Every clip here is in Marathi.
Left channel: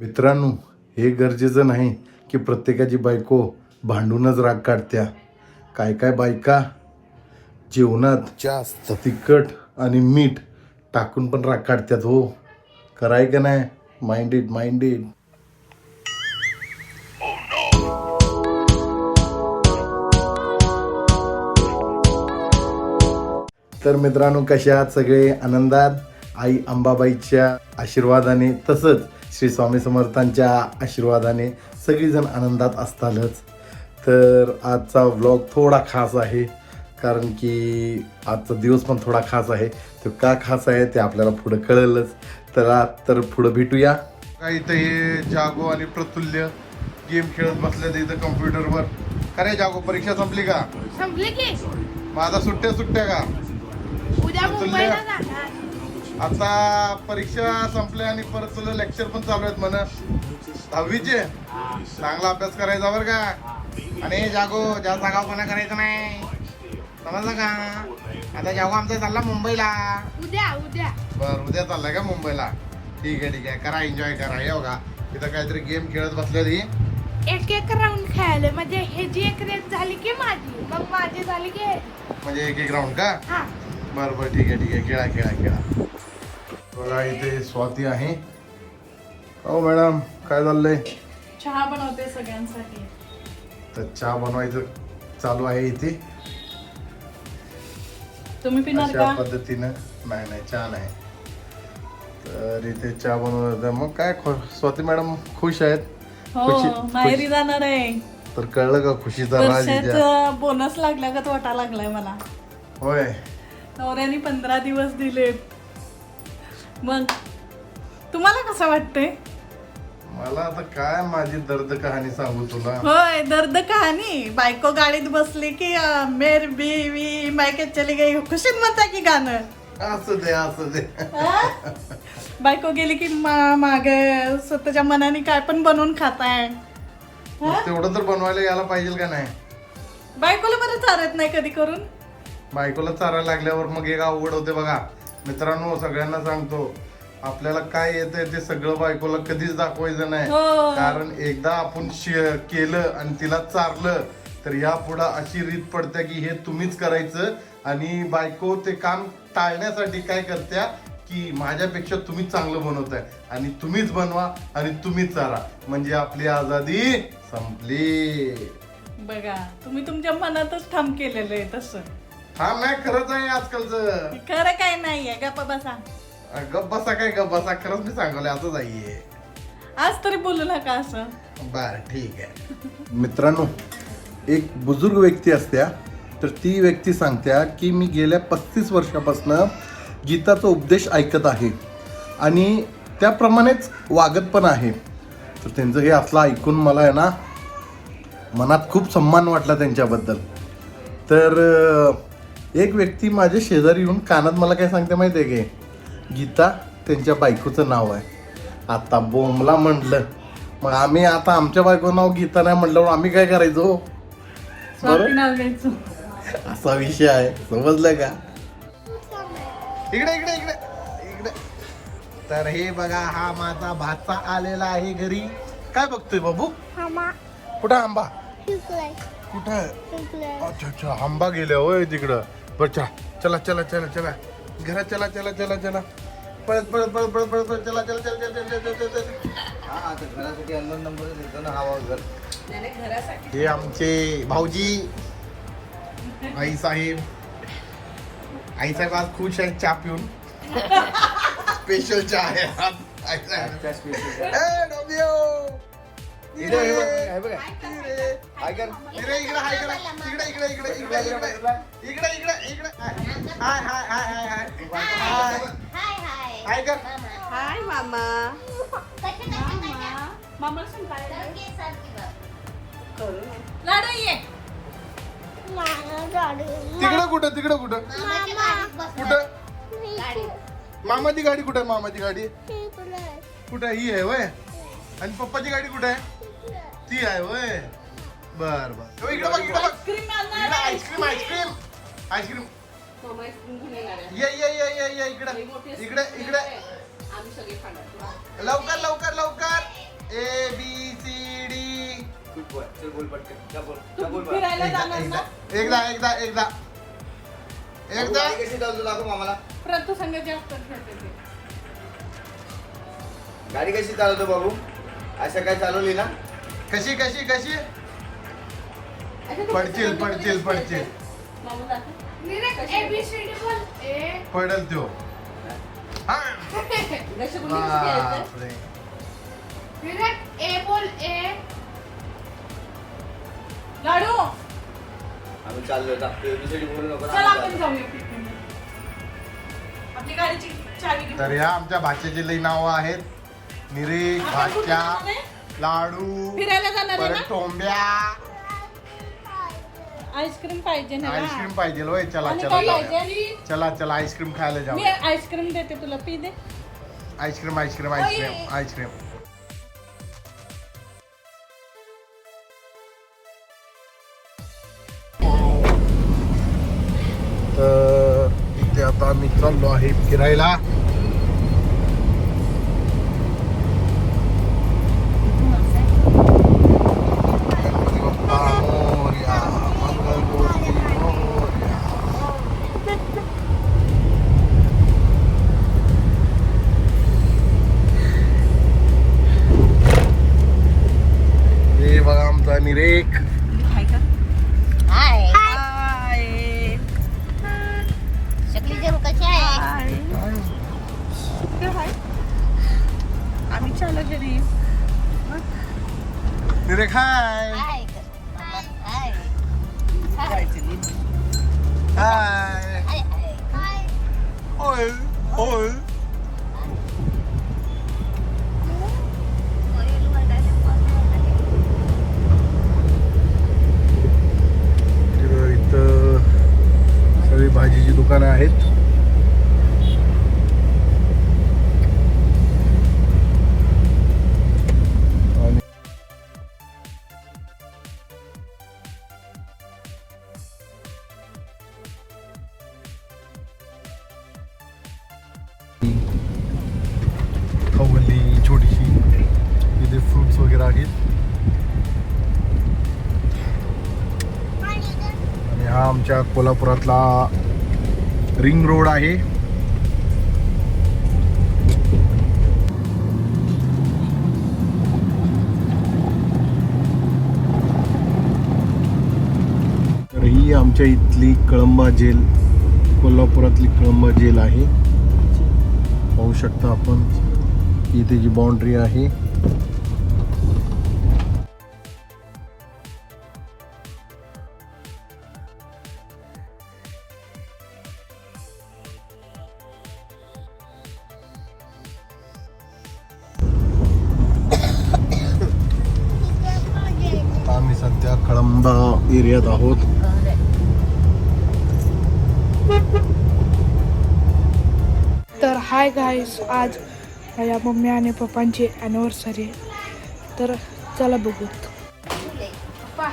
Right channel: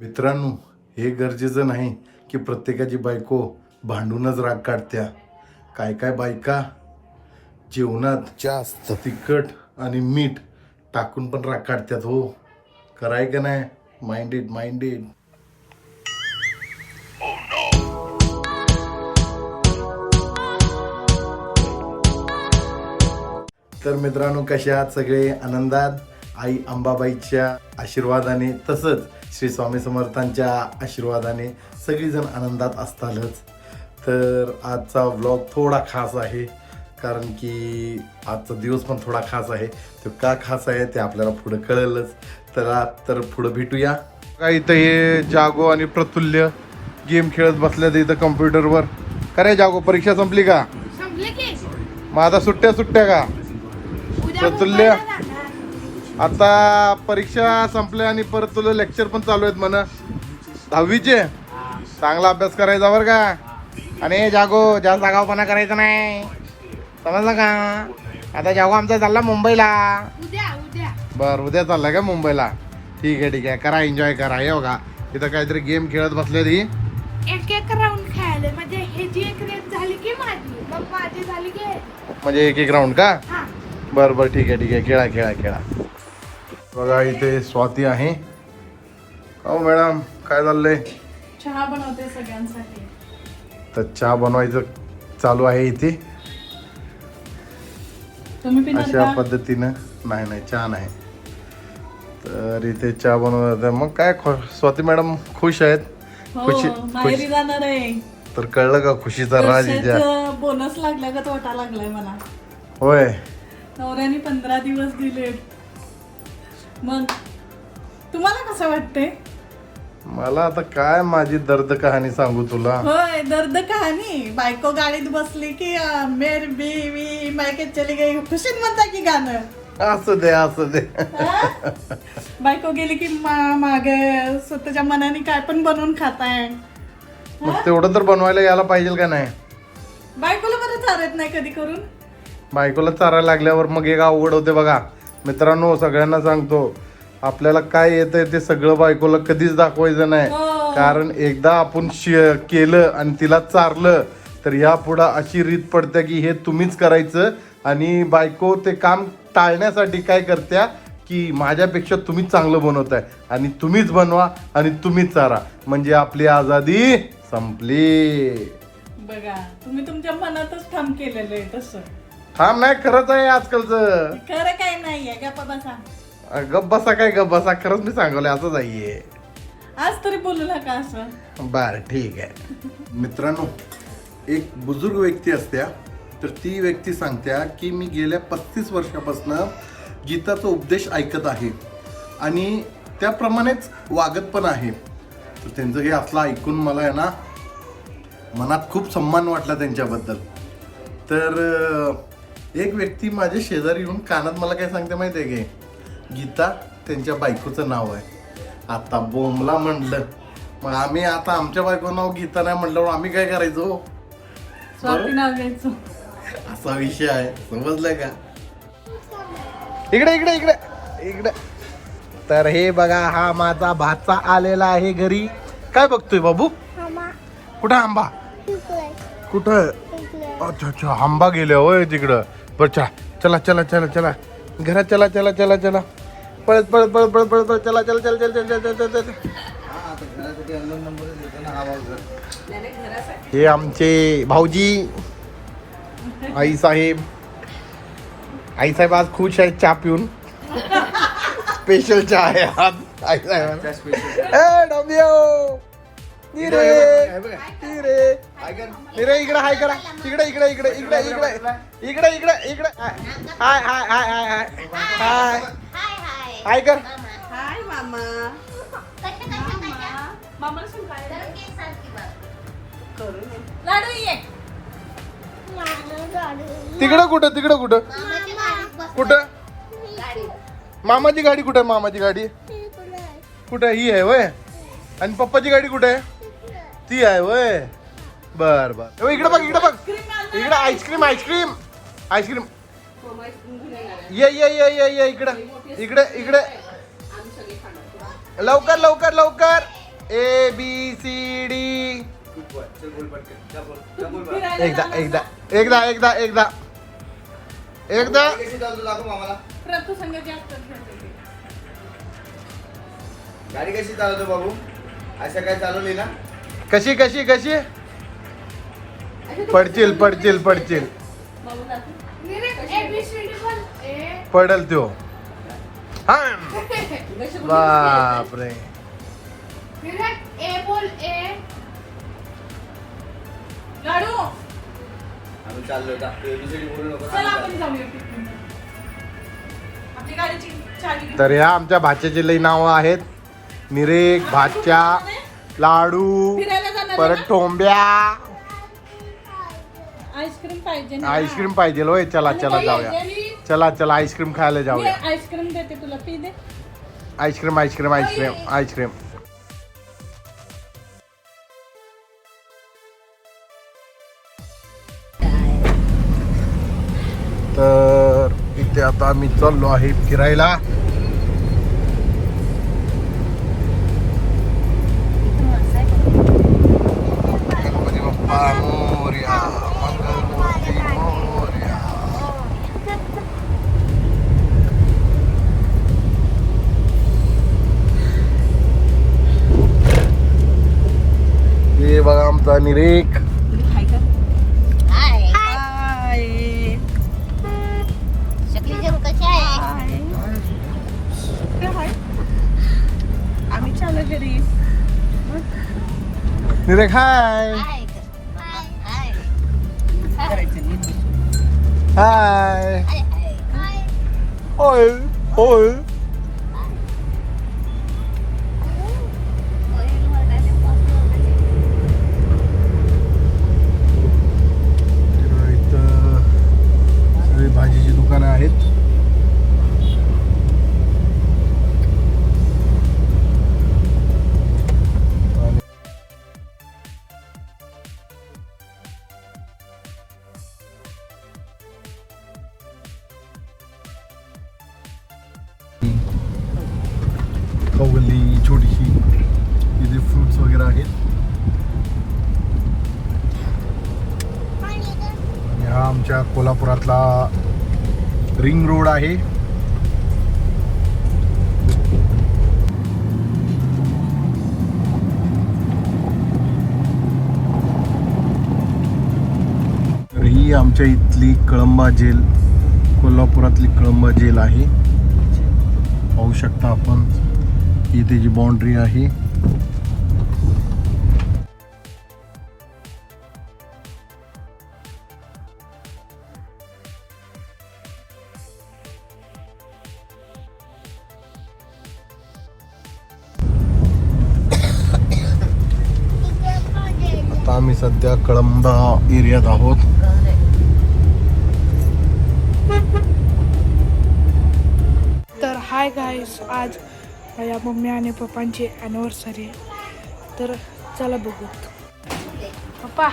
मित्रांनो हे गरजेचं नाही की प्रत्येकाची बायको भांडूनच राग काढत्या. काय काय बायका जेवणात जास्त. तिखट आणि मीठ टाकून पण राग काढत्यात हो. कराय का नाही? माइंडेड माइंडेड तर मित्रांनो कशा आहात सगळे? आनंदात? आई अंबाबाईच्या आशीर्वादाने तसंच श्री स्वामी समर्थांच्या आशीर्वादाने सगळीजण आनंदात असतालच. तर आजचा व्लॉग थोडा खास आहे कारण की आजचा दिवस पण थोडा खास आहे. तो का खास आहे ते आपल्याला पुढं कळेलच. तर आज तर पुढं भेटूया. का इथं हे जागो आणि प्रतुल्य गेम खेळत बसल्यात इथं कम्प्युटरवर. काय जागो परीक्षा संपली का? संपले की. मग आता सुट्ट्या सुट्ट्या का? उद्या प्रफुल्ल. मुंबईला जाणार. आता परीक्षा संपल्या आणि परत तुला लेक्चर पण चालू आहेत म्हण. दहावीचे. चांगला अभ्यास करायचा बरं का. आणि जागो जास्त जागावपणा करायचा नाही. समजलं का? आता जागो आमचा चालला मुंबईला. उद्या उद्या. बर उद्या चाललाय का मुंबईला? ठीक आहे ठीक आहे. करा एन्जॉय करा. हे बघा इथं काहीतरी गेम खेळत बसलेली एक एक राऊंड खेळायला. म्हणजे हे जी एक रेस झाली की माझी? मग माझी झाली की. म्हणजे एक एक राऊंड का? बर बर ठीक आहे ठीक आहे. खेळा खेळा खेळा. बघा इथे स्वाती आहे. हो मॅडम काय चाललंय? चहा बनवते सगळ्यांसाठी. तर चहा बनवायचं चालू आहे इथे. तुम्ही अशा पद्धतीनं नाही नाही चहा नाही. तर इथे चहा बनवत मग काय स्वाती मॅडम खुश आहेत? खुशी- हो माहेरी खुश- जाणार आहे. तर कळलं का खुशीचा राज बोनस लागला का तोटा लागलाय मला? होय. नवऱ्याने पंधरा दिवस दिले मग तुम्हाला कसं वाटतंय? मला आता काय माझी दर्द कहाणी सांगू तुला? होय दर्द कहाणी. बायको गाडीत बसली की अं, मेर बीवी मायके चली गई. खुशीत म्हणता की गाणं? असू दे असू दे. हा? बायको गेली की मा मागे स्वतःच्या मनाने काय पण बनवून खाताय. मग तेवढं तर बनवायला यायला पाहिजे का नाही? बायकोला बरं चालत नाही कधी करून? बायकोला चारायला लागल्यावर मग एक अवघड होते बघा. मित्रांनो सगळ्यांना सांगतो आपल्याला काय येतंय ते सगळं बायकोला कधीच दाखवायचं नाही. हो. कारण एकदा आपण केलं आणि तिला चारलं तर या पुढं अशी रीत पडते की हे तुम्हीच करायचं आणि बायको ते काम टाळण्यासाठी काय करत्या की माझ्यापेक्षा तुम्हीच चांगलं बनवताय आणि तुम्हीच बनवा आणि तुम्हीच चारा. म्हणजे आपली आझादी संपली. बघा तुम्ही तुमच्या मनातच ठाम केलेलं आहे तसं. हा नाही खरंच आहे आजकालचं. खरं काय नाहीये गप्पा बसा. गप बसा काय गप बसा खरंच मी सांगवलं असंच आहे आज तरी बोलू नका असं. बर ठीक आहे. मित्रांनो एक बुजुर्ग व्यक्ती असत्या तर ती व्यक्ती सांगत्या की मी गेल्या पस्तीस वर्षापासून गीताचा उपदेश ऐकत आहे आणि त्याप्रमाणेच वागत पण आहे. तर त्यांचं हे असलं ऐकून मला आहे ना मनात खूप सन्मान वाटला त्यांच्याबद्दल. तर एक व्यक्ती माझ्या शेजारी येऊन कानात मला काय सांगते माहिती आहे की? गीता त्यांच्या बायकोचं नाव आहे. आता बोमला म्हणलं. मग आम्ही आता आमच्या बायको नाव गीता नाही म्हटल्यावर आम्ही काय करायचो? असा विषय आहे. समजलं का? इकडे इकडे इकडे. इकडे. तर हे बघा हा माझा भाचा आलेला आहे घरी. काय बघतोय बाबू? कुठं आंबा? कुठं अच्छा अच्छा आंबा गेले होय तिकडं बरं चला चला चला चला चला घरात चला चला चला चला पळत पळत पळत पळत पळत पळत चला चला चला चला चला चला चला हे आमचे भाऊजी आई साहेब आई साहेब आज खुश आहेत चहा पिऊन स्पेशल चहा आहे आज आई साहेब ए निरे निरे निरे इकडे. हाय करा. इकडे इकडे इकडे इकडे इकडे इकडे इकडे. इकडे हाय हाय हाय हाय हाय. हाय. हाय कर. हाय मामा. मामा लाडू ये तिकडं कुठं तिकडं कुठं? कुठं? मामाची गाडी कुठे आहे? मामाची गाडी? कुठे ही आहे वय आणि पप्पाची गाडी कुठे आहे? ती आहे वय. बर बर. इकडे बघ इकडे बघ. इकडे आईस्क्रीम आईस्क्रीम. आईस्क्रीम. ये ये ये ये ये इकडे. इकडे इकडे. लवकर लवकर लवकर. A B C D. एकदा एकदा. एकदा एकदा एकदा. एकदा. गाडी कशी चालवतो बाबू असं काय चालवली ना? कशी कशी कशी तू पडतील पडतील? पडतील पडल हा बोलली? बापरे निरज ए बोल ए लाडू आम्ही चाललो एबीसीडी बोलू नको ना, चल आम्ही आपण चाललो. जाऊया picnic. आपली गाडीची चावी घेऊन. तर ह्या आमच्या भाच्याची लई नावं आहेत निरेक भाच्या लाडू फिरायला जाणार आहे परत ना? टोंब्या आईस्क्रीम पाहिजे ना. आईस्क्रीम पाहिजे होय. चला आणि चला काही जाऊया. चला चला आईस्क्रीम खायला मी जाऊया. आईस्क्रीम देते तुला पी दे. Ice cream ice cream ice cream ice cream. तर इथे आता आम्ही चाललो आहे फिरायला. You're like, hi. Hi. Hi. Hi. Hi. Hi. Hi. Oi. Oi. तिथे वगैरे आहेत आणि हा आमच्या कोल्हापुरातला रिंग रोड आहे. तर ही आमच्या इथली कळंबा जेल कोल्हापुरातली कळंबा जेल आहे. पाहू शकता आपण इथे जी बाउंड्री आहे. एरियात आहोत. तर हाय गाईस आज माझ्या मम्मी आणि पप्पांची ॲनिव्हर्सरी आहे. तर चला बघू पप्पा.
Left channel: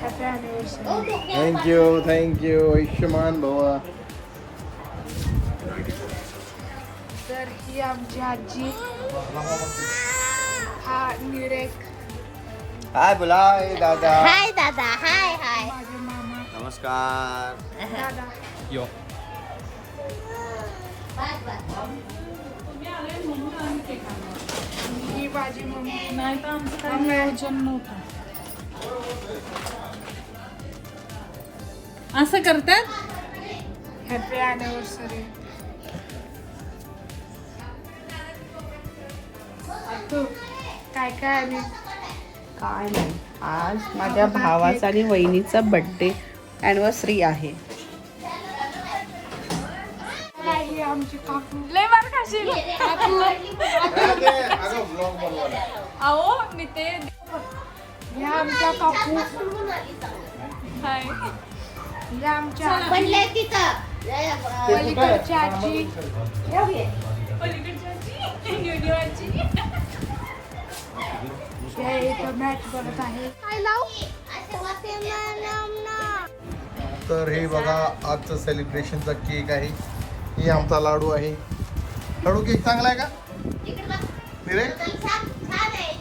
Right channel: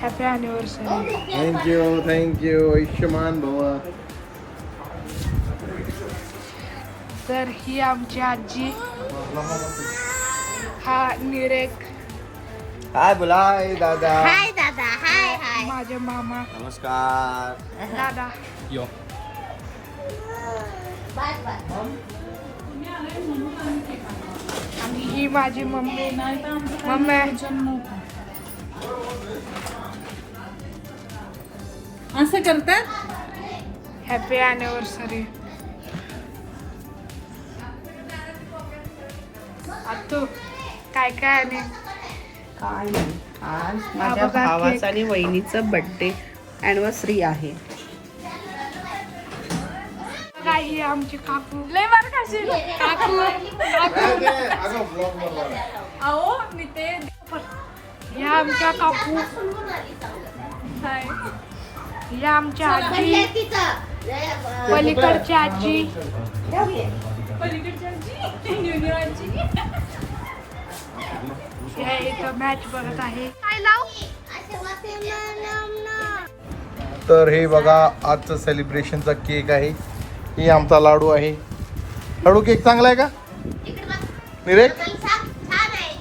Happy anniversary thank you thank you Ayushman भवा तर ही आमची आजी. हा निरेक. हाय बोला हाय दादा हाय दादा हाय हाय माझे मामा. नमस्कार. दादा. यो. आणि ही माझी मम्मी. नाही तर आमचं मम्मी. नियोजन नव्हतं. असं करतात? हॅपी ॲनिव्हर्सरी तू काय काय आणि? काय नाही. आज माझ्या भावाचा. आणि वहिनीचा बर्थडे अॅनिव्हर्सरी आहे. काय ही आमची काकू. लय मार खाशील. काकू. अहो मी ते ह्या आमच्या काकू. हाय. ह्या आमच्या आजी. पलीकडची आजी. हे इथं मॅच बघत आहे. काय लाव? तर हे बघा आजचं सेलिब्रेशनचा केक आहे. ही आमचा लाडू आहे. लाडू केक चांगला आहे का. निरे? चल, छान छान आहे.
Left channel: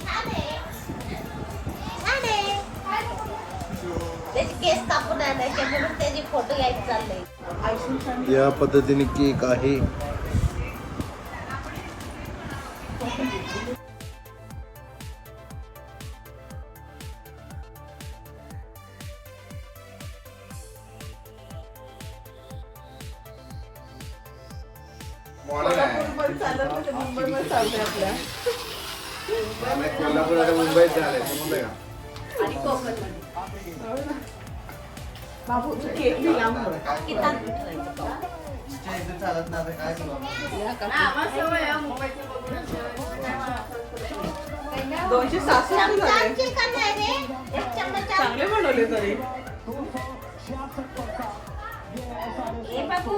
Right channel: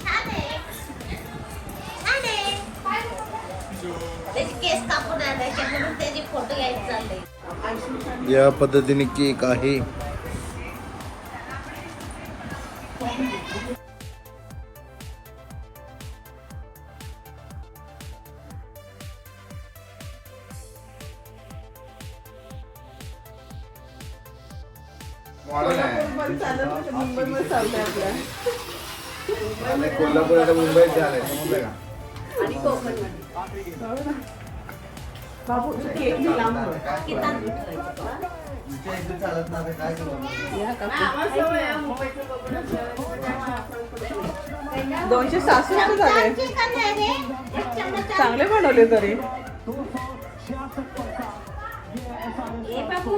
कोल्हापूर आता मुंबईत झालंय समजलं का? बाबू तू केक बी लांब बघ. तिच्या इथं चालत नाही आता काय करू दोनशे सासू झाले. चांगले बनवले तरी. बाबू.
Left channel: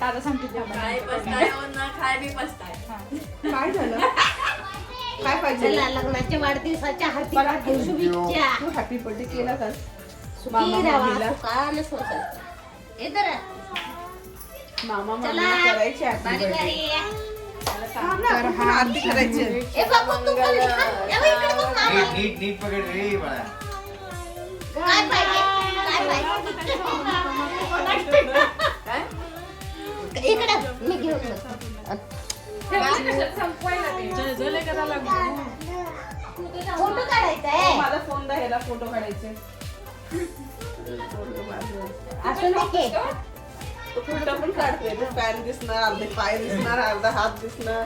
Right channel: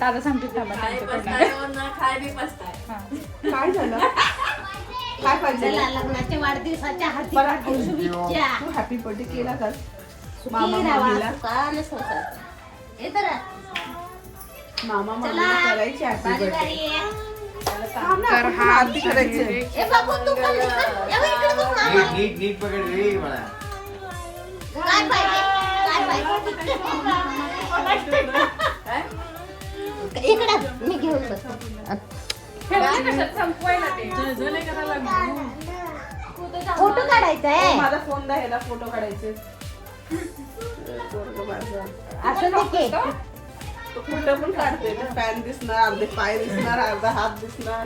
दादा सांगते काय झालं काय पाहिजे चला लग्नाच्या वाढदिवसाच्या हार्दिक हार्दिक शुभेच्छा हॅपी बर्थडे केला का सुखी मामा राहा मम्मीला. सुखान संसार हे तर मामा चला मम्मीला करायची happy बारी birthday. बारी आहे. तर हा आरती करायची आहे. ए बाबू तू पण खा. ए बाई, इकडे बघ मामा. नीट नीट पकड रे मला काय पाहिजे काय पाहिजे इकडे मी घेऊन. फोटो काढायचा आहे माझा फोन फोटो काढायचे. फोटो पण काढते पॅन दिसणार अर्धे पाय दिसणार अर्धा हात दिसणार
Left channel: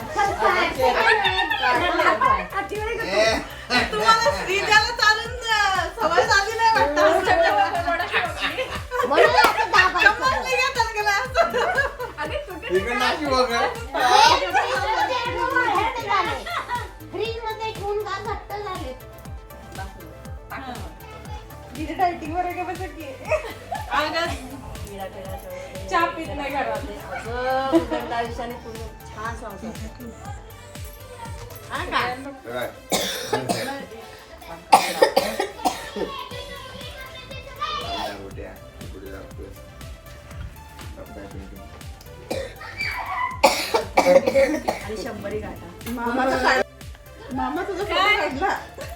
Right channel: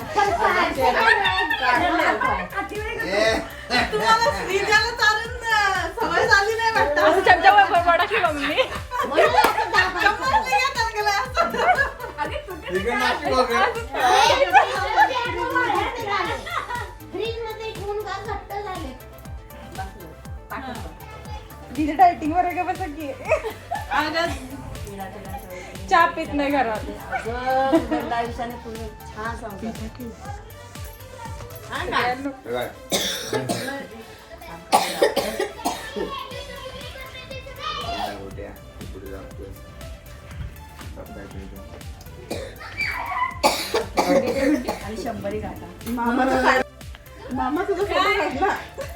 तुम्हाला श्रीजाला चालून अं, सवय झाली नाही वाटतं म्हणून असं दाबायचं. समजलं का त्यांना असं? इकडे नाशिक बघ फ्रीजमध्ये ठेवून का घट्ट झाले डायटिंग वगैरे बसत की चहा पित नाही घरात पुढे जातो. बाप्पा इकडे. मामा तुझा फोटो काढला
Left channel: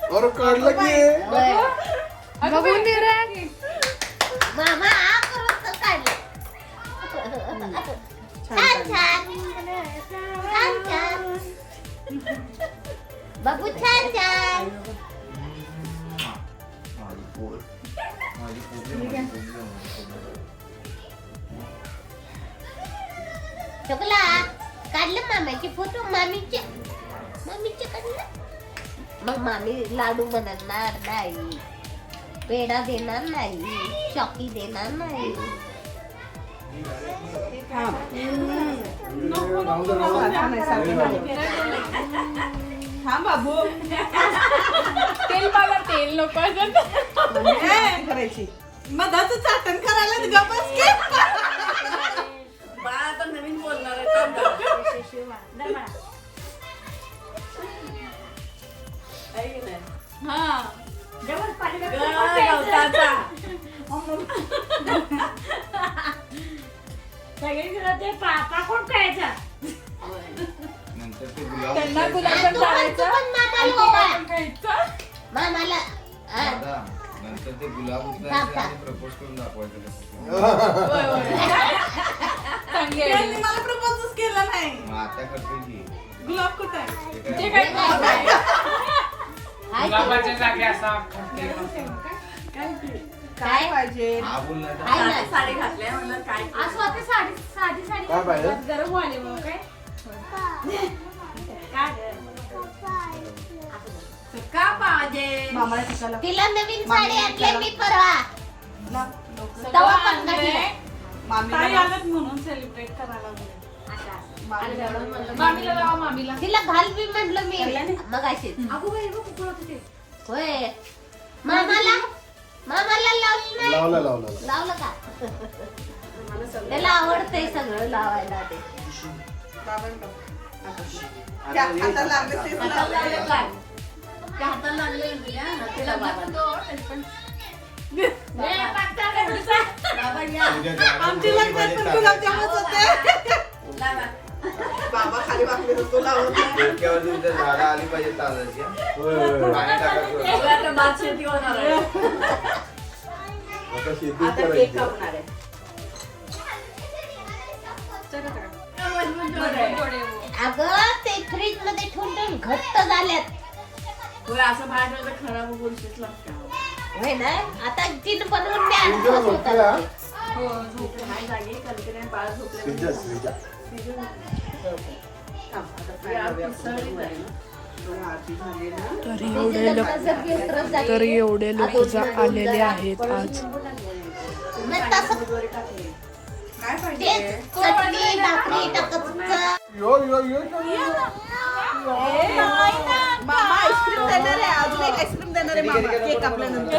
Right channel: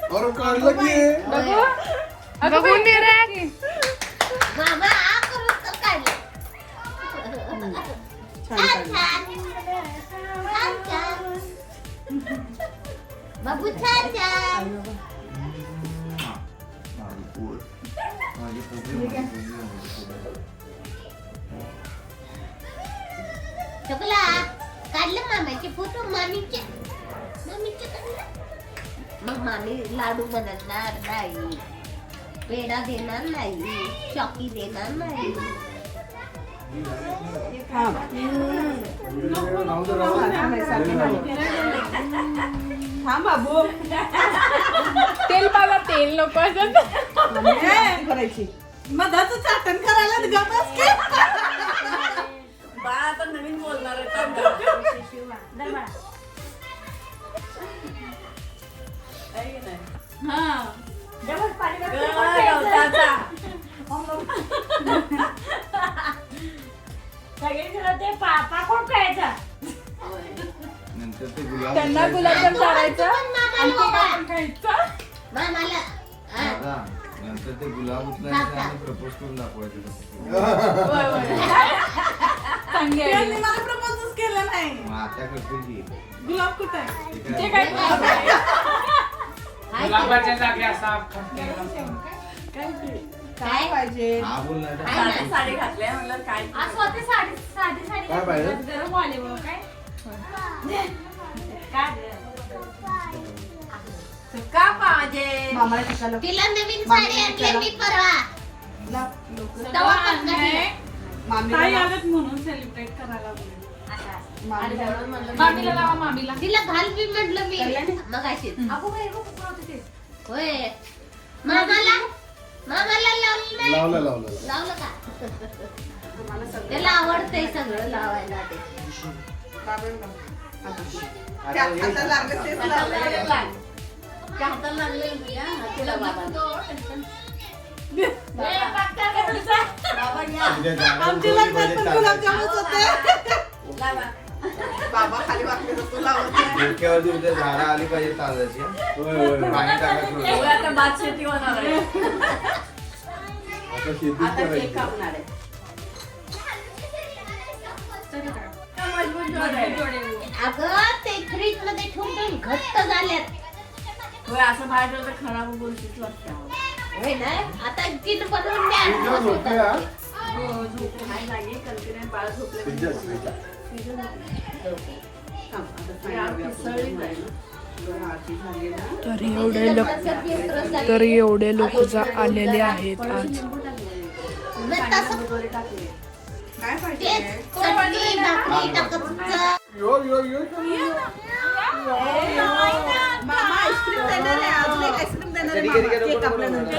अरे काढलं की बघून दे रे मामा आ करून तर काढले छान छान छान छान बाबू छान छान माझी पोर. माझी पोरगी, माझी पोरगी, माझी पोरगी. चकला काढले मामाचे फोटो मामीचे मामीचे काढले मग मामी लाडू बनवणार नाही पेढा देणार नाही चॉकी देणार नाही तेल मला तेल नको. करायची. मधाचं चाटण करायला गमस की. बाळा आता नवीन बोलणार नंतर ते गुलाब त्यांना उचलायचं. गुलाबजाम करायचं पण मामाला बघा. मामाला हा. दादा, नंतर ते गुलाब उचलायचं आणि प्रपोज करून दाखवायचं त्यांनी मला प्रपोजच केलं नाही. आता की. गुलाब कुठं आहे? ते काय? पाहिजे? हा बोल ना आता. साडी घातल्या म्हणलं काय काय पाहिजे? गरम आले मग काय? का पाहिजे? मामाला टिकाला तिला नवीन साडी आणली मी परवा. तेव्हा घातली. मामी म्हणून सेलिब्रेट करायला लागले. तिला घाल मी म्हटलं मी. मग अशी होय. मामाला? मामाला लावलं नाही? लावलं लावलं. लावलं का? त्याला आवडतंय सगळं लावायला ते. त्या हाताला लागलं तेच लावलं. आमच्या लग्नात पण गुलाबजामुनच होते. बाबा खाली वाकले तर तो लावत नाही. डोक्यावरती इथं झाडं आली पाहिजे चालायची पाणी टाकायचं होतं. आता शेतीच करायची. अगं ते फ्रीजमध्ये ठेवून ठेवून घट्ट झाल्यात. होय ना? आता तीन बनवून द्या. तुझ्या भाकरी टाकायचं यो, यो, यो, यो. मामा आईस्क्रीम देणार आहे अजून एक आईस्क्रीम देणार आहे मामा केक कापल्यानंतर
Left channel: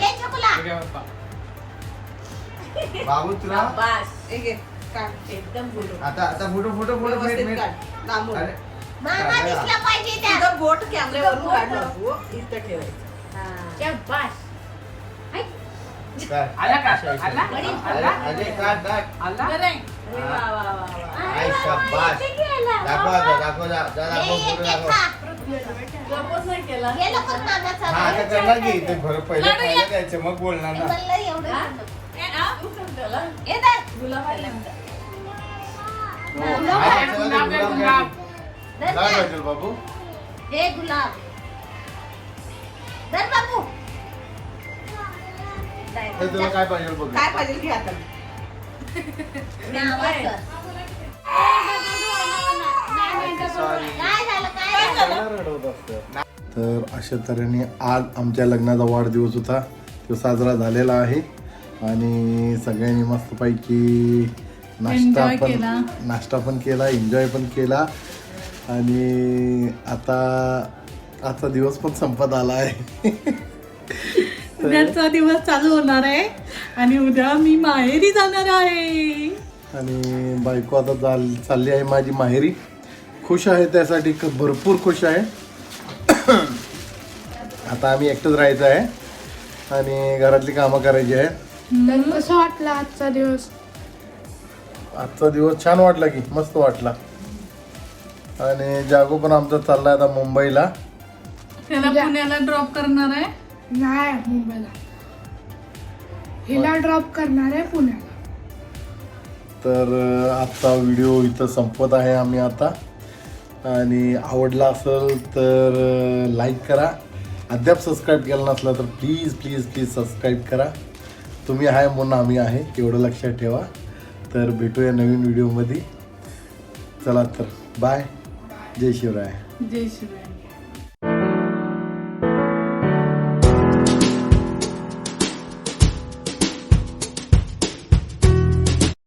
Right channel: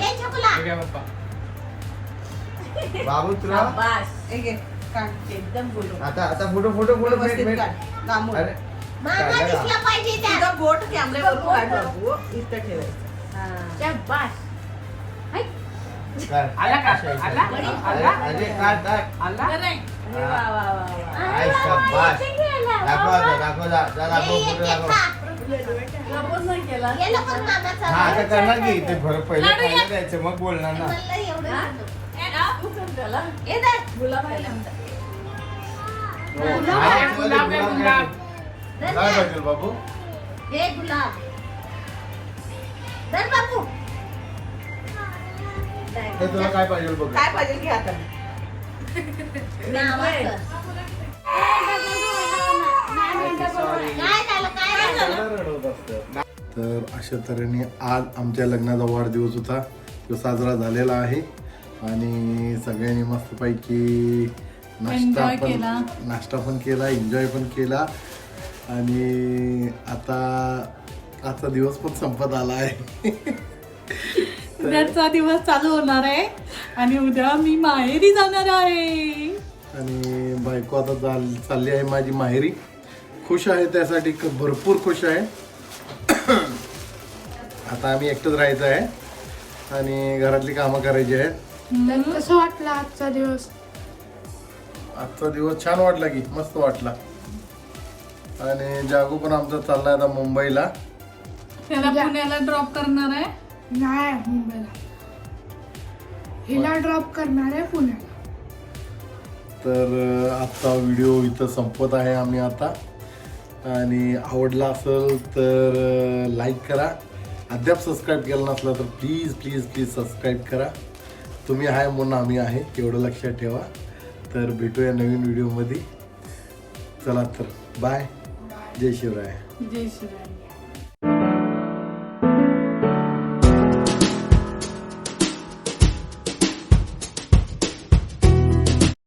हे छकुला बाबू तुला एक घे, काढ. आता आता फोटो फोटो फोटो व्यवस्थित काढ. लांबून. अरे तुझं बोट कॅमेऱ्यावर काढ बाबू. इथं ठेवायचं. शाबास. काय? आला का? आला? आला? अरे आला? शाबास. दाखव दाखव फोटो दाखव. हा आता. करणार की ते भर पहिले पहिलं द्यायचं मग बोलणार ना. हो. गुलाब आहे, गुलाब काय बाबू. हे गुलाब. तुला काय पाहिजे बघ. काय पाहिजे घे आता. तर अशा तऱ्हेने आज आमच्या लग्नाचा वाढदिवस होता. तो साजरा झालेला आहे. आणि सगळ्यांनी मस्तपैकी नाश्ता पण केला. नाश्ता पण केला एन्जॉय पण केला. आणि आता आजचा दिवस पण संपत आला आहे. उद्याचा दिवस चालू होणार आहे आणि उद्या मी माहेरी जाणार आहे. आणि बायको आता चाल चालली आहे माझी माहेरी. खुश आहे त्यासाठी क- भरपूर खुश आहे. आता आम्ही एकटंच राहायचं आहे. आणि घरातली कामं करायची आहेत. तर कसं वाटलं आजचा दिवस? आजचा दिवस छान वाटला की मस्त वाटला. आणि जागो पण आमचा चाललाय आता मुंबईला. त्याला पुण्याला ड्रॉप करणार आहे. नाही मुंबईला. हिला ड्रॉप करणार आहे पुण्याला. तर आजचा व्हिडिओ इथं संपत आहे आम्ही आता. आणि आवडला असेल तर लाईक करा. अद्याप सबस्क्राईब केलं नसला तर प्लीज प्लीज प्लीज सबस्क्राईब करा. तुम्ही आहे म्हणून आम्ही आहे एवढं लक्षात ठेवा. तर भेटूया नवीन व्हिडिओमध्ये चला तर बाय जय शिवराय. जय शिवाय